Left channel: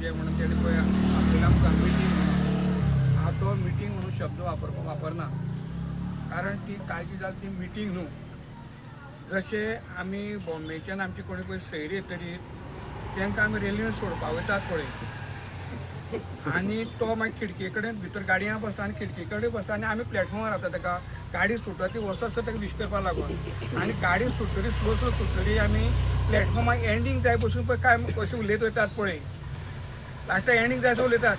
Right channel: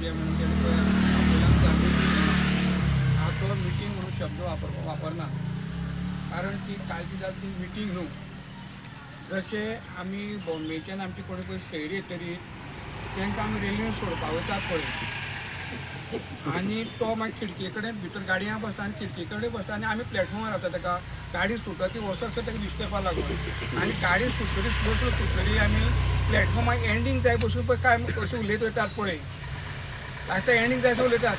जे म्हणून तेणे पळय आपल्याला आमकां मिटींग हांव तो मिटींग म्हणून शब्द वापरना कारण ती कालची जाली ती मिटींग न्हू. जशे आमी बॉम्बेच्यान आमची कोणी पळय सैरी येतरी तांकां आमी रेल्वेन सोडपा वयतात पळय आनी तो मागीर खिडके कडेन भितर गाडयांत बसता आनी खिडके कडेन बसता आनी आमी प्लॅटफॉर्मार रावता ताका गाडी सुटता ती वसत ताका विश करपा लागून आनी गाडी सुटतरी स्लो स्लो सुटतरी आमी प्लॅटफॉर्माक एंडींग जाय बसून पळय काय अशें उलयत वयतात पळय लास्टाक एंडींग जाय अशें उलयतात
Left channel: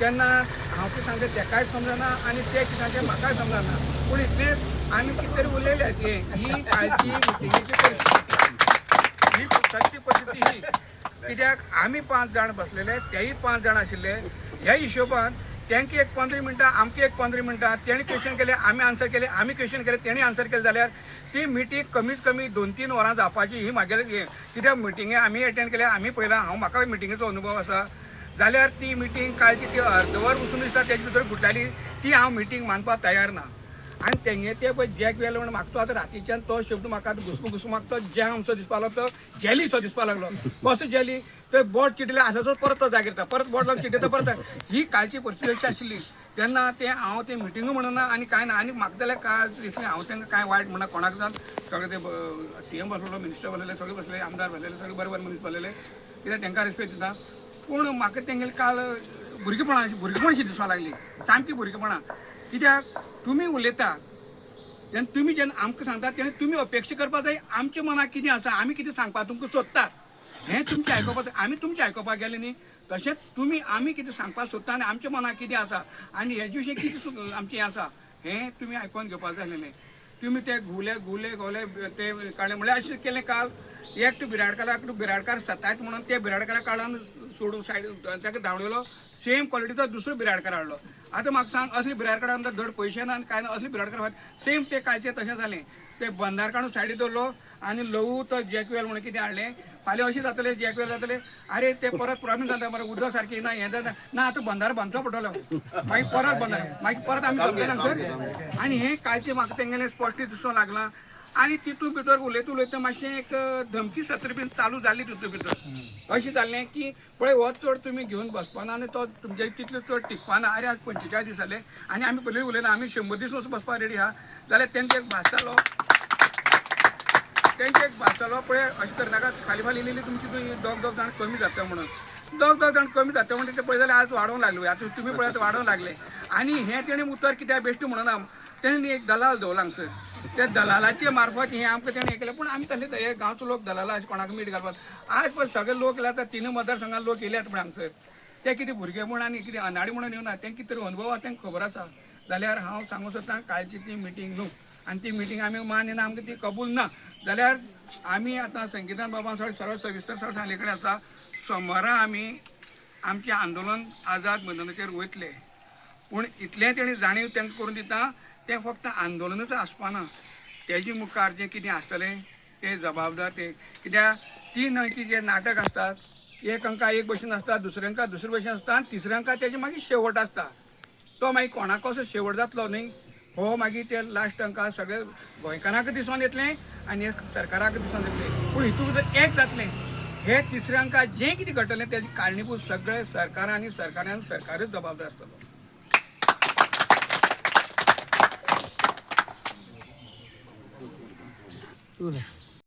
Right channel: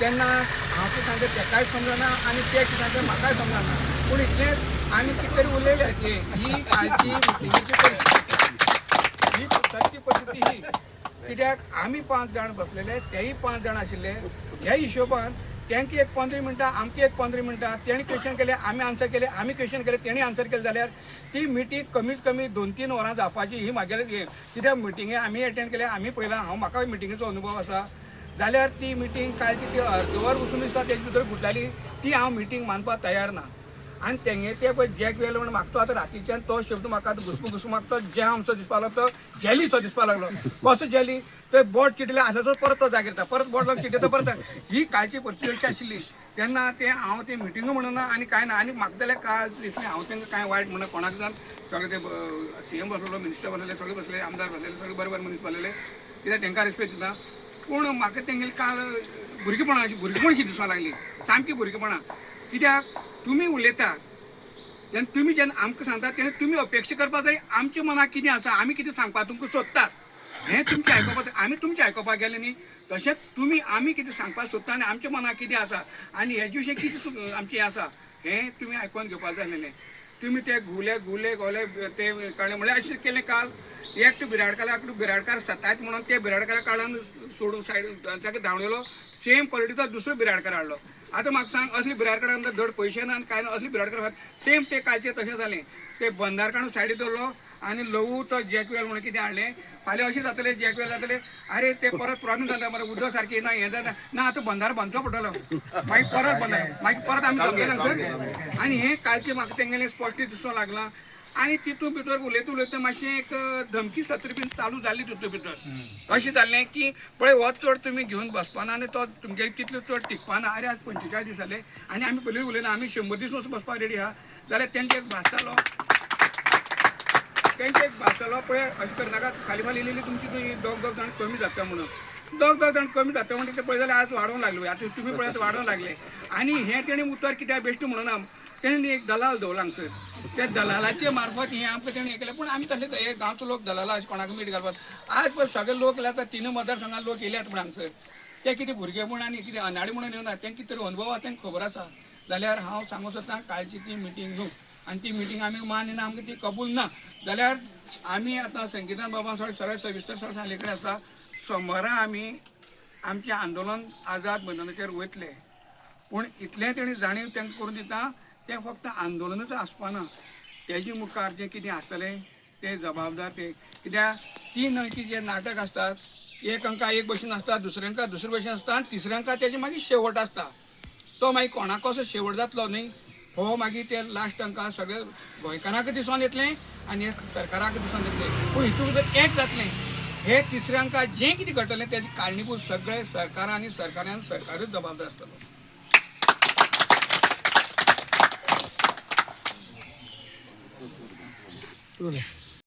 तेन्ना हांव कितें सांगता तेकाय समजना आनी ते कितें सांगता म्हाकाय समजना पूण इतलेंच आमी कितें तरी उलयले की ही कालची मिटिंगेची परिस्थिती ही सत्य परिस्थिती ही कित्याक आमी 5 जाण बसलेले तेही 5 जाण आशिल्ले ह्या हिशोबान तांकां एक 15 मिनटां आमकां एक 15 मिनटां तेणी क्वेश्चन केले आमी आन्सर केले आमी क्वेश्चन केले तेणी आन्सर केले जाल्यार ती मिटींग कमीच कमी 2-3 वरां जावपाची ही म्हागेलें हें कित्याक मिटिंगे आमी अटेंड केल्या आमी पळयलां हांव म्हाका मिटिंगेचो अनुभव आसा जाल्यार ती मिटींग कालची ती अर्दवर वचून दिसता तेजे भितर फुटल्याली ती हांव मिटींग मानपाक तयार ना आनी तेंगे ते पळय जॅक वेल म्हणून म्हाका तो आतां रातीच्यान तो शब्द म्हाका आतां घुसमूक म्हाका तो जॅम असो दिसपा लागलो तो जॅली सो दिसपा लागलो कसो जॅली तर बोट चिडले आतां परत तो जागेर येता परत बोट लावन चिड्डता परत ही कालची परिस्थिती अशी आशिल्ली तेन्ना ते हांव ते मिटींग म्हणना आनी कांय ना आनी म्हाका जाल्यार काल दिसलें हांव तांकां कांय वायट म्हणना कोणाक जावन सगळे ते सीएम बसलेलो मिनिस्टर बसलेले सगळे बसले आमदार बसलेले सगळे बरे बरे मनीस बसलेले कित्याक तांकां रिस्पेक्ट दिता पूण म्हाका तेंगेले काल भुरगेपणां अशी दिसपाक लागली सामकी भुरगेपणां कित्याक तुमी उलयता तेन्ना तुमी जेन्ना आमकां सांगता तेन्ना तुमी अपेक्षा करपाक जाय आमच्या मनाक कितें आसा आमी कितें सांगपाक तुमकां सोदतात हें तुमचें आयकोपाक आमी तुमचें आयकोपाक गेले न्ही तशेंच तुमी आमी कितें सांगपाक सोदता आनी आमच्या मनाक कितें आसा आनी हेजे विशीं कितें आमचें आसा हें तुमी आयकोन घेवपाक जाय आसलेलें तुमी ते घुले गोले ते काडले म्हळ्यार अशें केलें काल एकटो बिराडकार सतायत म्हणून ते बिराडकारा काळान सोडून सायड ताका धांवडयलो सेम क्वॉलिटीचो दुसरो बिराडकार हाडलो आतां म्हाका सांग असली बिराडकारांक धड पयशे ना आनी कांय ना असली बिराडकार सेम ते कालचें तशें जालें ते बंदार काडून सायडीक दवरलो आनी लवू तो जॅकवेल म्हणून कितें हाडलें फाल्यां अशें जातलें जॅकवेल जातलें अरे ते परत प्रॉब्लेम जाता मरे उदक सारकी ना हें जाता ना आतां बंदार बांदचो पडटलो मागीर परत बंदार मागीर परत आमी जातलें सर आनी हें कालचें म्हाका तेंगेलें स्पश्ट दिसो लागलां आनी तितून भितर उलयता मातशें एक धमकी सत्र बीन चालू जाल्ली तितून भितर अशें जाल्लें की पळय हो चड तुमी घेवन बसपाना आनी तो तुमगे तितलो चड टिकपाना अरे आज 45 दीस जाले आनी आमी पयलीं उलयना आमी 100 दीस वचून बसपाक रेडी आहा जाल्यार तेंचो एक भास जालो पळय अशें करनाका खाली इल्ली तुमची दोग जाण कमी जाता म्हणून दोग जाण कमी जाता म्हणटा ते पळय जाल्यार आज वाडोवंक लागले आतां तुमी पळय वाडोवंक लागले आनी हें तेणें उतर कित्याक बेश्ट म्हणना तेणें एक दलाल दवरला हांगसर त्या दलालाचे मार्फत हें आमकां तेणें हें केलें पूण आमी तशें हे गांवचो लोक दलाला अशें कोणाक मीठ घालपाक आज पळय सगळे लोक येयले आतां 3 मतदारसंघात लोक येयल्यात पळय हांगसर ते कितें भुरगेपण आनी कितें अनाडी म्हणून येवना तेंकां कितें तरी अनुभव आहा तांकां खबर आसा जाल्यार हांव सांगूं सोदतां कालची ती मिटींग न्हू आनी ती मिटींग आमी मान्य ना आमकां ती कबूल ना जाल्यार आमी आतां संगितान बाबा सरळ सविस्तर सांगले कडेन आसा सोमारा आमी आमचें आंदोलन आझाद मैदानाचेर वयतले पूण इतलें तेणी जाणीव तांकां करून दिता तें फक्त आंदोलनच आसपाना तेजे मुखार जें कितें आसतलें तें जबाबदार ते कित्याक 3 अंकी जे नाटक आसतात एक अंका एक भशेन आसता दुसरे अंका दुसरे भशेन आसता आनी तिसऱ्या अंका तेजे मागीर शेवट आसता तो मागीर कोणाक कसो शेवट जातलो न्ही हो मागीर ते लास्ट अंका सगळे गोंयकारांक दिसून येतलें आनी एक सरकाराक दिसून येतलें पूण हितून भितर एक जातलें हे तिसऱ्या अंका जें कितें घडटलें तेजी कारणीभूत सगळे सरकारच जबाबदार आसतलो. तुले